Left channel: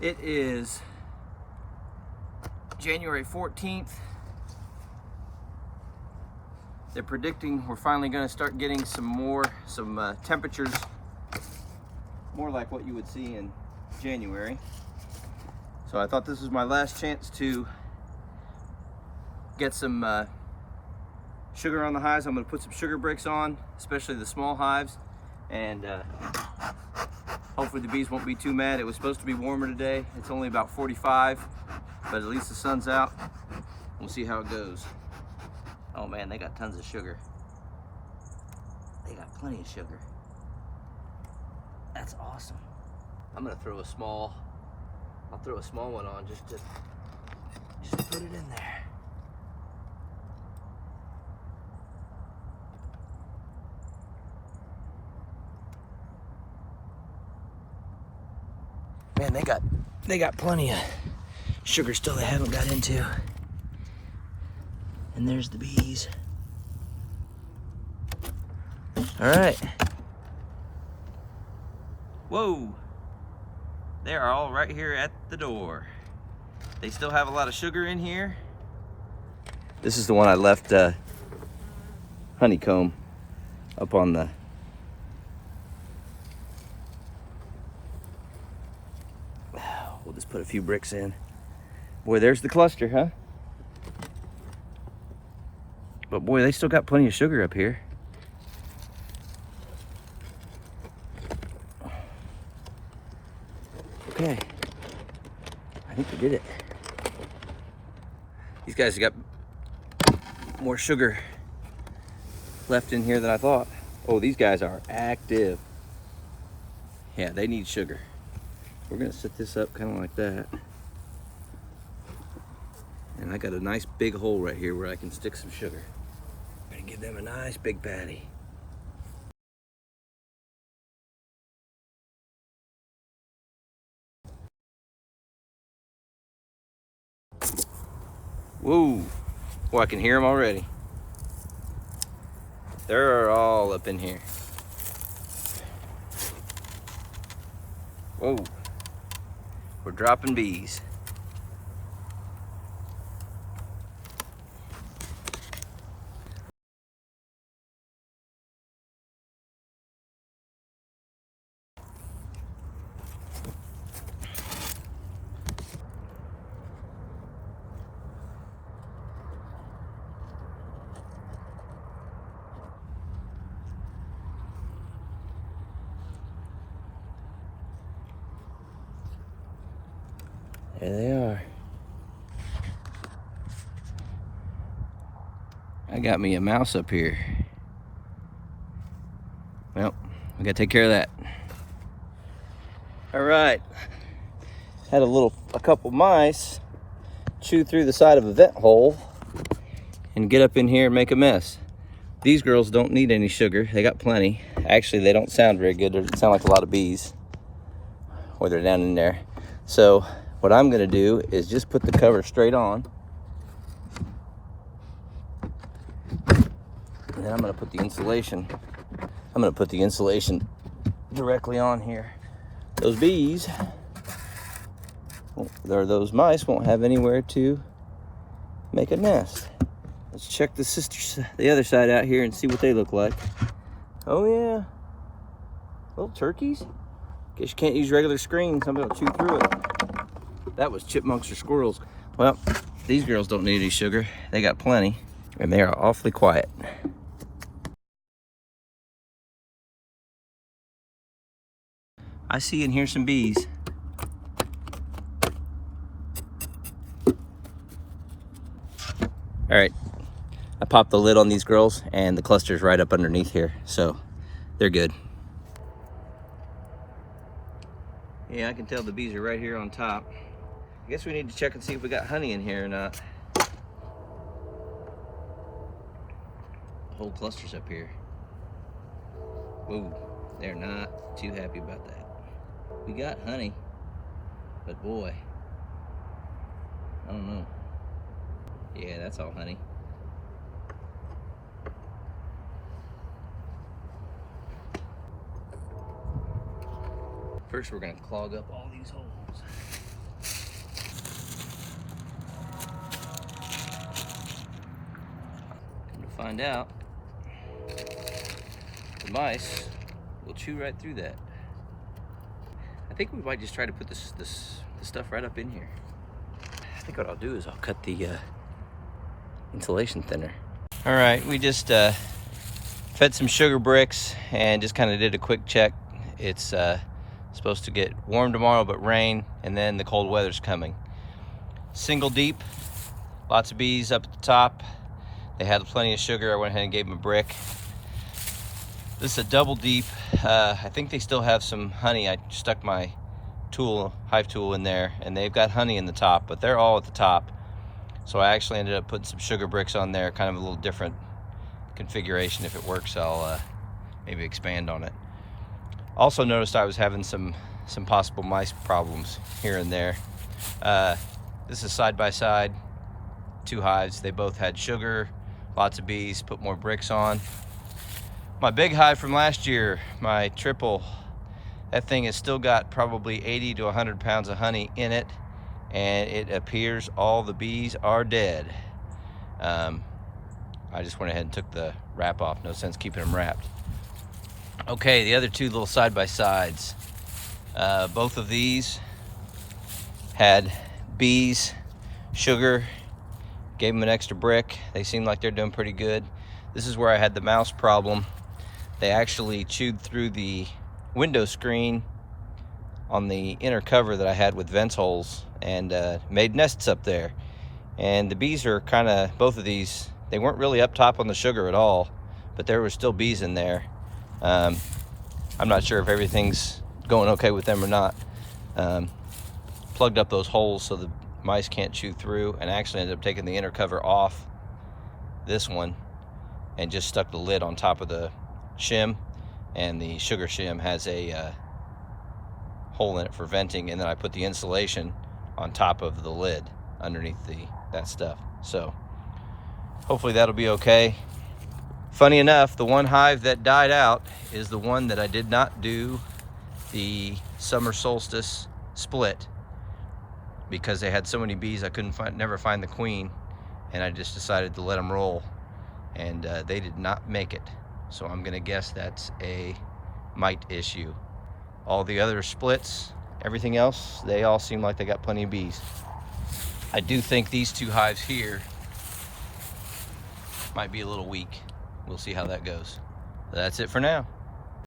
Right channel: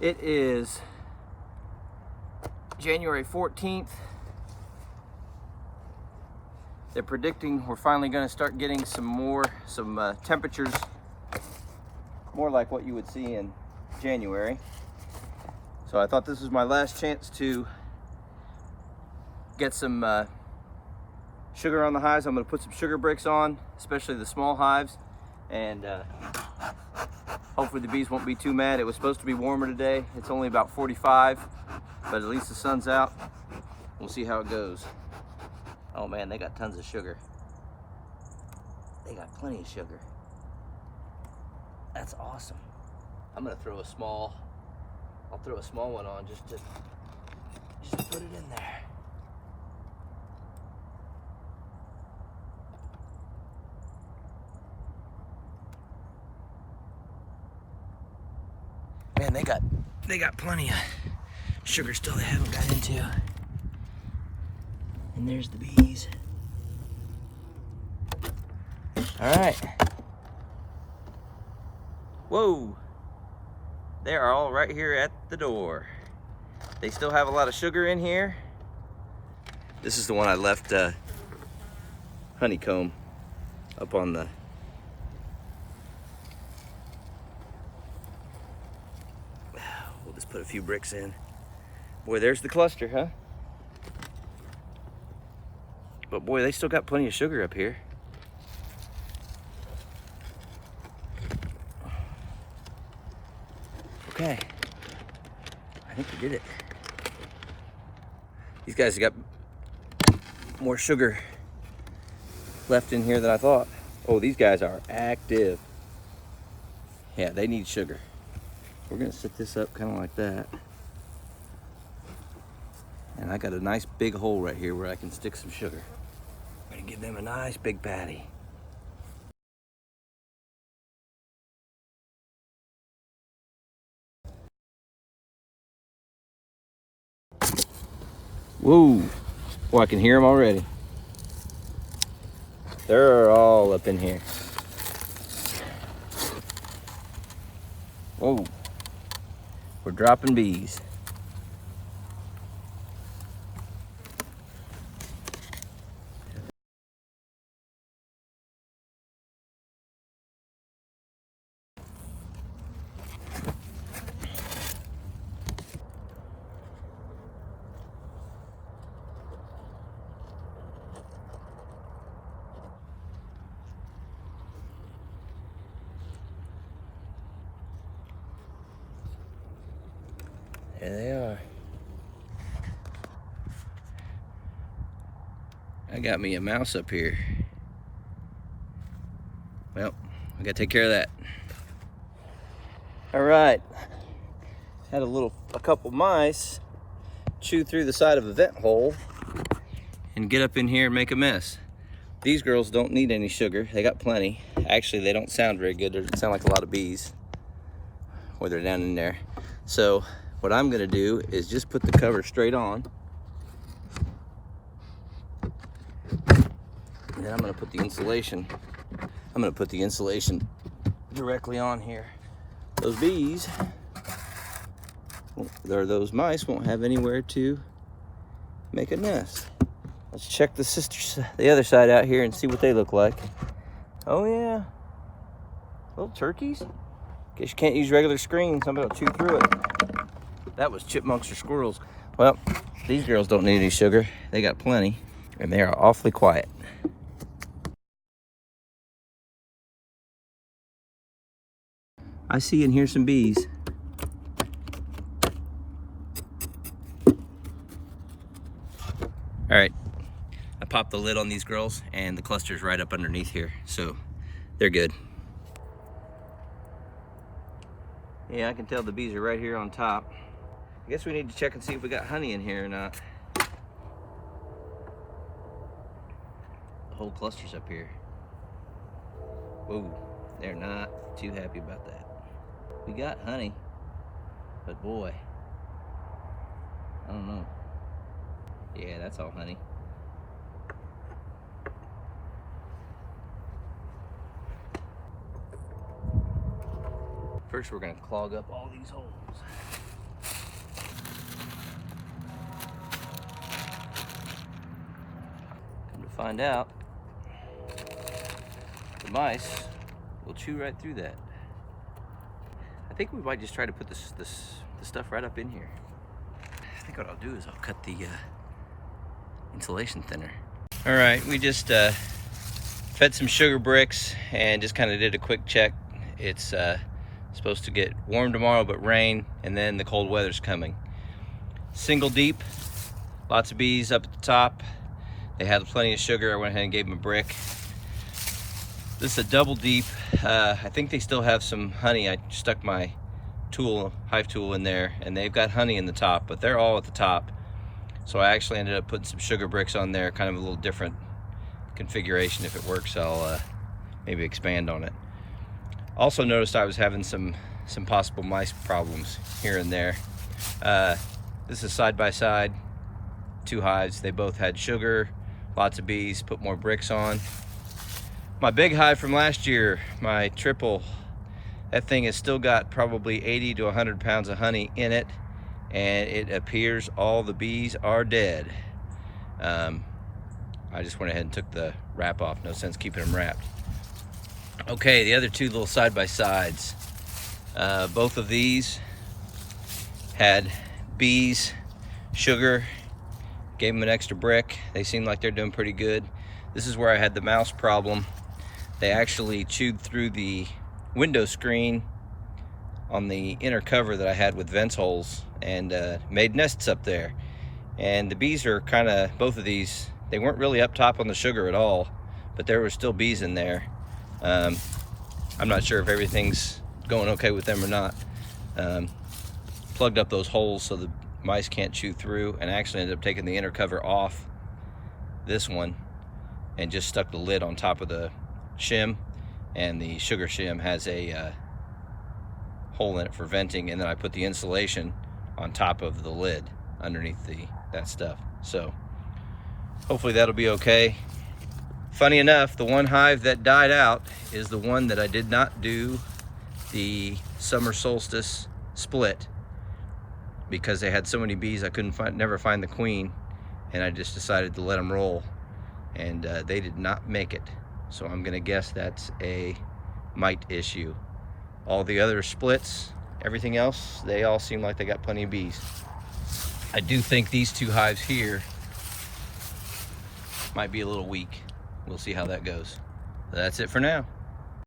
It is January 14th. They're predicting we're finally going to start getting some temperatures more like what you would see in January. So I thought this was my last chance to get some sugar on the hives. I'm going to put some sugar bricks on, especially the small hives, and hopefully the bees won't be too mad. It was supposed to be warmer today. It's only about 45, but at least the sun's out. We'll see how it goes. Oh man, they got tons of sugar. They got plenty of sugar. That's awesome. I'm gonna throw a small, I'll throw a small one on just to put it in there. Man, they got plenty of sugar still they haven't got into. And there's the bees. All right. Whoa. They are all right here at the door. They still have a lot of sugar in here. This is the one I left honeycomb up on the we'll just put a few bricks in. Boy, there's the cluster, huh? But boy, they still got plenty of sugar up here. Okay, I think we did it. These guys have got more sugar left in here than I thought. Oh, these guys are active. Yeah, they need sugar. We're gonna set this up kind of like that. And I got a nice big hole right here where I can stick some sugar. I'm gonna give them a nice big patty. Whoa, boy, I can hear them already. They're all up in here. Whoa, we're dropping bees. There they are. I got me a mouse up here. Well, I gotta take care of that. All right. Had a couple mice chew through the side of a vent hole and get up in here and make a mess. These girls don't need any sugar. They got plenty. Actually, they don't sound very good. They sound like a lot of bees when they're down in there. So what I'm gonna do is just put the cover straight on. And then I'm gonna put the insulation. Directly on here. Those bees, or those mice won't have anywhere to make a nest. Let's check the other side out here and see what they look like. Oh yeah, little turkeys. Guess you can't use regular screens. I'm gonna chew through it. That was chipmunks or squirrels. Well, these girls don't need any sugar. They got plenty, and they are awfully quiet. I see and hear some bees. All right, I popped the lid on these girls and the cluster's right up underneath here, so they're good. Yeah, I can tell the bees are right here on top. I guess we need to check and see if we got honey in here or not. The whole cluster's up here. Whoa, they're not too happy about that. We got honey, but boy, I don't know. Yeah, that's all honey. First, we're gonna clog up all these holes. find out the mice will chew right through that. I think we might just try to put this stuff right up in here. I think what I'll do is I'll cut the insulation thinner. All right, we just fed some sugar bricks and just kind of did a quick check. It's supposed to get warm tomorrow, but rain, and then the cold weather's coming. Single deep, lots of bees up at the top. They had plenty of sugar. I went ahead and gave them a brick. This is a double deep. I think they still have some honey. I stuck my hive tool in there, and they've got honey in the top, but they're all at the top. So I actually ended up putting some sugar bricks on there, kind of a little different configuration. If it works, I'll maybe expand on it. Also noticed I was having some possible mice problems here and there. This is side by side, 2 hives. They both had sugar, lots of bees, put more bricks on. My big hive from last year, my triple, that thing has still got probably 80 to 100 pounds of honey in it, and it appears all the bees are dead. I just went ahead and took the wrap off. No sense keeping them wrapped. Okay, the other 2 little side-by-sides. Both of these had bees, sugar, gave them an extra brick. They seem like they're doing pretty good. This is where I had the mouse problem. They actually chewed through the window screen on the inner cover that I had with vent holes and made nests up there. And the bees are kind of, both of these, they weren't really up top on the sugar at all, but there were still bees in there. I'm not sure if everything's going okay with them or not. Plugged up those holes so the mice can't chew through, and actually ended up taking the inner cover off this one and just stuck the lid on top of the shim, and the sugar shim has a hole in it for venting, and then I put the insulation on top of the lid underneath that stuff. So hopefully that'll be okay. Funny enough, the one hive that died out is the one that I did not do the summer solstice split, because they had so many bees I couldn't never find the queen, and I just decided to let them roll, and they did not make it. So I'm gonna guess that's a mite issue. All the other splits, everything else, they all seem like they got plenty of bees. I do think these 2 hives here might be a little weak. We'll see how that goes. That's it for now.